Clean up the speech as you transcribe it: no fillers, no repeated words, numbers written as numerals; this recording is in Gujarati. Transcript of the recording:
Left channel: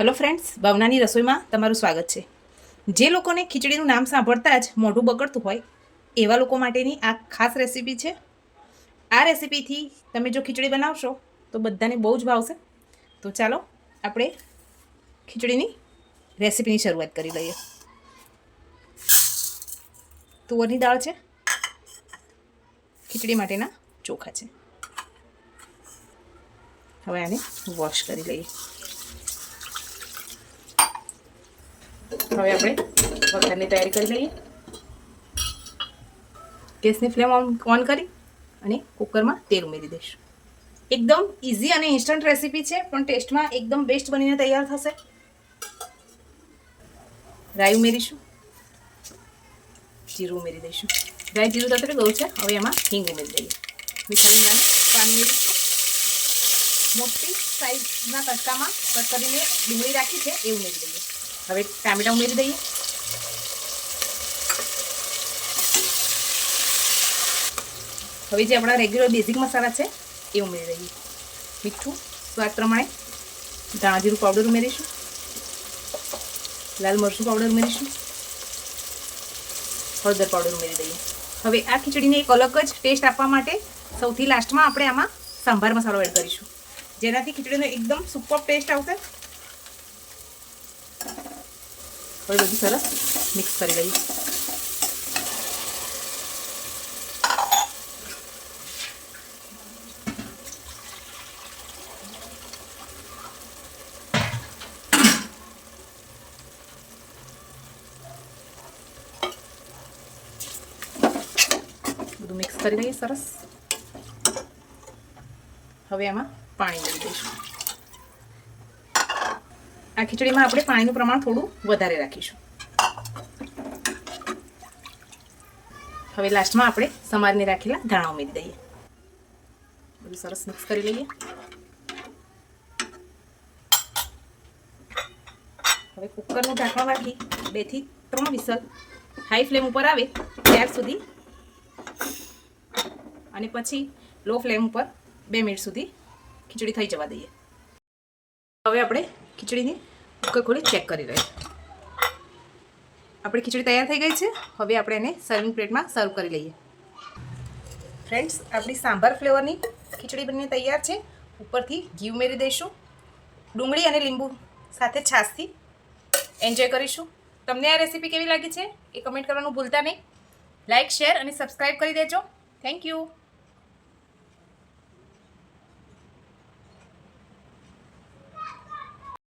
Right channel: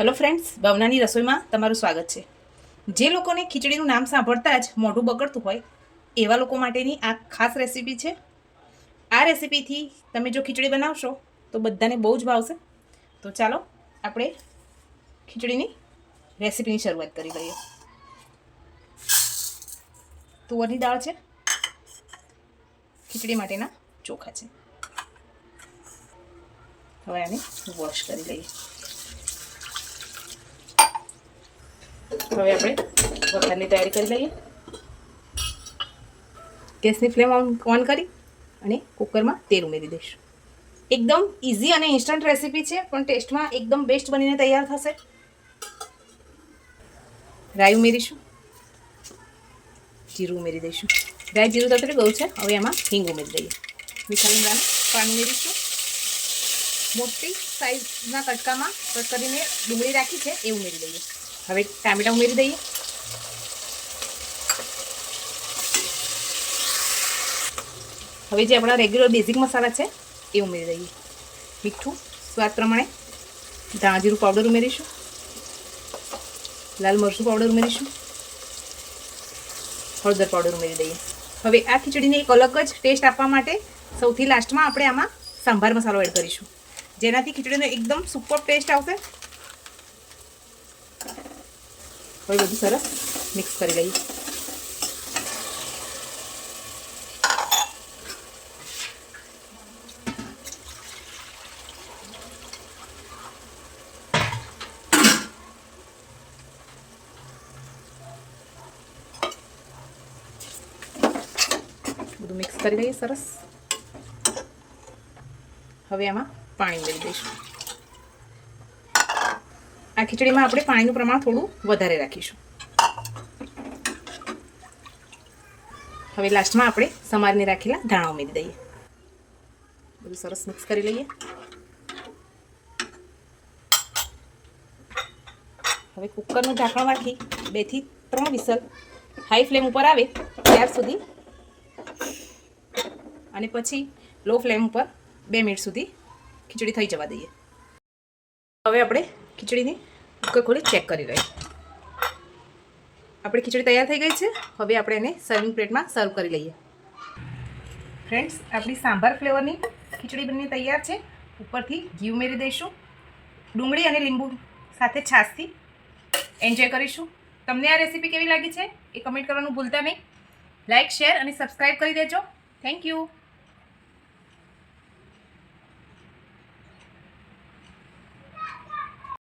હેલો ફ્રેન્ડ્સ, ભાવનાની રસોઈમાં તમારું સ્વાગત છે. જે લોકોને ખીચડીનું નામ સાંભળતા જ મોઢું બગડતું હોય એવા લોકો માટેની આ ખાસ રેસીપી છે. આ રેસીપીથી તમે જો ખીચડી બનાવશો તો બધાને બહુ જ ભાવશે. તો ચાલો આપણે ખીચડીની રેસીપીની શરૂઆત કરી લઈએ. તુવરની દાળ છે, ખીચડી માટેના ચોખા છે. હવે આને વોશ કરી લઈએ. હવે આપણે વઘારની તૈયારી કરી લઈએ. ગેસની ફ્લેમ ઓન કરી અને કુકરમાં તેલ ઉમેરી દઈશું. એકદમ ઇઝી અને ઇન્સ્ટન્ટ રેસીપી છે, પણ ટેસ્ટમાં એકદમ બેસ્ટ બનીને તૈયાર થશે. રાઈ ઉમેરીશું, જીરું ઉમેરી દઈશું. રાઈ જીરું તતડી ગયું છે, હવે એમાં હિંગ ઉમેરી દઈએ. મીઠા લીમડાનું પાણી ઉમેરીશું. મોટી સાઈઝના કટકામાં કટ કરીને ડુંગળી રાખી છે એ ઉમેરી દઈએ. હવે ટામેટાં ઉમેરી દઈએ. હવે જે આપણા રેગ્યુલર બેઝિક મસાલા છે એ ઉમેરી દઈએ. મીઠું સ્વાદ પ્રમાણે, ધાણા જીરું પાવડર ઉમેરીશું, લાલ મરચું પાવડર ઉમેરીશું, હળદર પાવડર ઉમેરી દઈએ. હવે આ ખીચડીને એક અલગ જ ટેસ્ટ આપવા માટે સૌથી લાસ્ટમાં આપણે આમાં સંભાર મસાલો એડ કરીશું, જેનાથી ખીચડીનો એકદમ સુપર ટેસ્ટ આવશે. હવે બધું સરસ મિક્સ કરી લઈએ. બધું મિક્સ કરી લઈએ સરસ. હવે આમાં પાણી ઉમેરી દઈશું. આ ખીચડીમાં આપણે પાણીનું પ્રમાણ થોડું વધારે રાખીશું. હવે લાસ્ટમાં આપણે સમારીને રાખેલા ધાણા ઉમેરી દઈએ. બધું સરસ મિક્સ કરી લઈએ. હવે કુકરનું ઢાંકણ રાખી 2 થી 3 વિસલ હાઈ ફ્લેમ ઉપર આવે ત્યાર સુધી અને પછી લો ફ્લેમ ઉપર 2 મિનિટ સુધી ખીચડી થઈ જવા દઈએ. હવે આપણે ખીચડીની કુકર ખોલી ચેક કરી લઈએ. આપણી ખીચડી તૈયાર થઈ ગઈ છે. હવે આપણે એને સર્વિંગ પ્લેટમાં સર્વ કરી લઈએ. ફ્રેન્ડ્સ, આપણી સાંભાર ફ્લેવરની ખીચડી બનીને તૈયાર છે. ઉપરથી ઘી ઉમેરી દઈશું. ડુંગળી અને લીંબુ સાથે છાશથી એન્જોય કરીશું. તમને આ રેસીપી કેવી લાગી છે એ કમેન્ટ કરવાનું ભૂલતા નહીં. લાઇક, શેર અને સબસ્ક્રાઈબ કરી દેજો. Thank you.